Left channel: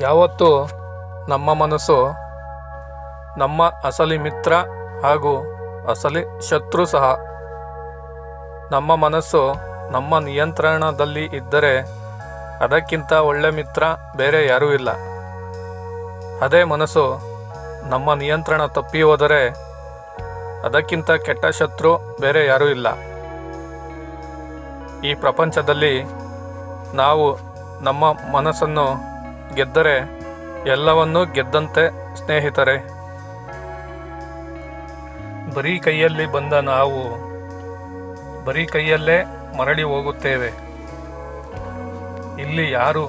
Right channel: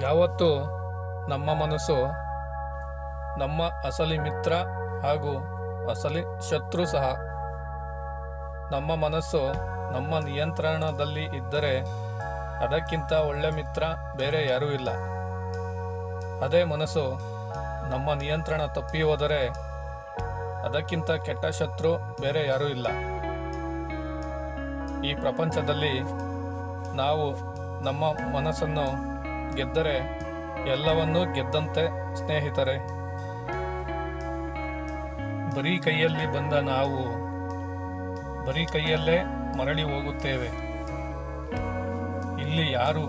ಯಾವತ್ತೂ ನಮ್ಮ ಮನಸ್ಸು ನಮ್ಮ ಅಸಲಿ ಮಿತ್ರ ಹಾಗೂ ಅಸಲಿ ಶತ್ರು ಸಹ. ನಮ್ಮ ಮನಸ್ಸು ನಮ್ಮ ನಿಯಂತ್ರಣದಲ್ಲಿ ಇದ್ದರೆ ಅದಕ್ಕಿಂತ ಒಳ್ಳೆ ಮಿತ್ರ ಬೇರೆ ಯಾರೂ ಇಲ್ಲ. ಅದೇ ಮನಸ್ಸು ನಮ್ಮ ನಿಯಂತ್ರಣ ತಪ್ಪಿ ಹೋದರೆ ಅದಕ್ಕಿಂತ ಕೆಟ್ಟ ಶತ್ರು ಬೇರೆ ಯಾರೂ ಇಲ್ಲ. ಈ ಪ್ರಪಂಚದಲ್ಲಿ ನಾವು ನಮ್ಮ ಮನಸ್ಸನ್ನು ಗೆದ್ದರೆ ಎಲ್ಲವನ್ನೂ ಗೆದ್ದಂತೆ ಸ್ನೇಹಿತರೆ. ಬರೀ ಕೈಯಲ್ಲಿ ಬಂದ ನಾವು ಬರೀ ಕೈಯಲ್ಲೇ ಮರಳಿ ಹೋಗುತ್ತೇವೆ. ಇಲ್ಲಿ ಯಾರು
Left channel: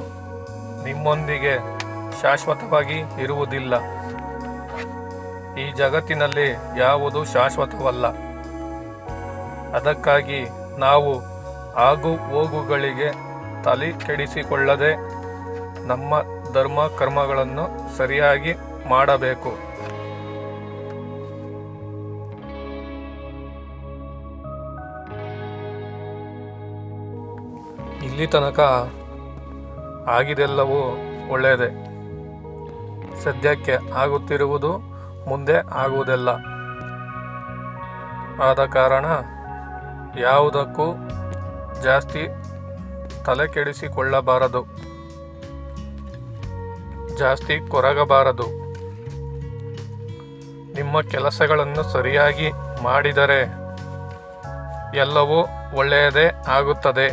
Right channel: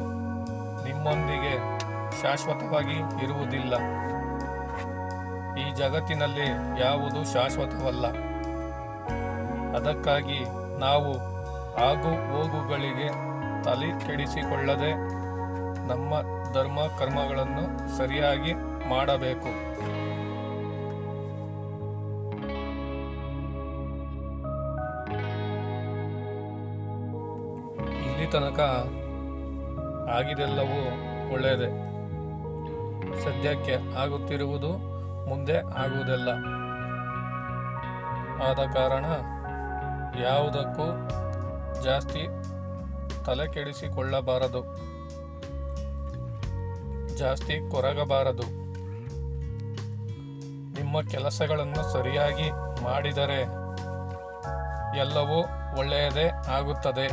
ನಿಮ್ಮೊಂದಿಗೆ ಶಾಶ್ವತವಾಗಿ ಇರುವುದಿಲ್ಲ. ಈ ಜಗತ್ತಿನಲ್ಲಿ ಯಾವುದು ಶಾಶ್ವತವಲ್ಲ. ಅದಕ್ಕಾಗಿ ನಾವು ಆಗು ಹೋಗುಗಳಿಗೆ ತಲೆ ಕೆಡಿಸಿಕೊಳ್ಳದೆ ನಮ್ಮ ಧರ್ಮ ಕರ್ಮಗಳನ್ನು ಸರಿಯಾಗಿ ಮಾಡಬೇಕು. ಇಲ್ಲಿ ತನಕ ಆಗಿದೆಲ್ಲವೂ ಒಳ್ಳೆಯದೇ. ಸದ್ಯಕ್ಕೆ ಆಗುತ್ತಿರುವುದು ಮುಂದೆ ಆಗುವುದಿಲ್ಲ. ಆದ ಕಾರಣ ಯಾವುದಕ್ಕೂ ಜಾಸ್ತಿ ತಲೆ ಕೆಡಿಸಿಕೊಳ್ಳಬಾರದು ಜಾಸ್ತಿ ಕೊರಗಬಾರದು. ನಿಮ್ಮ ಕೆಲಸಗಳನ್ನು ಸರಿಯಾಗಿ ಮಾಡಿದರೆ ಎಲ್ಲವೂ ಒಳ್ಳೆಯದೇ ಆಗುತ್ತದೆ.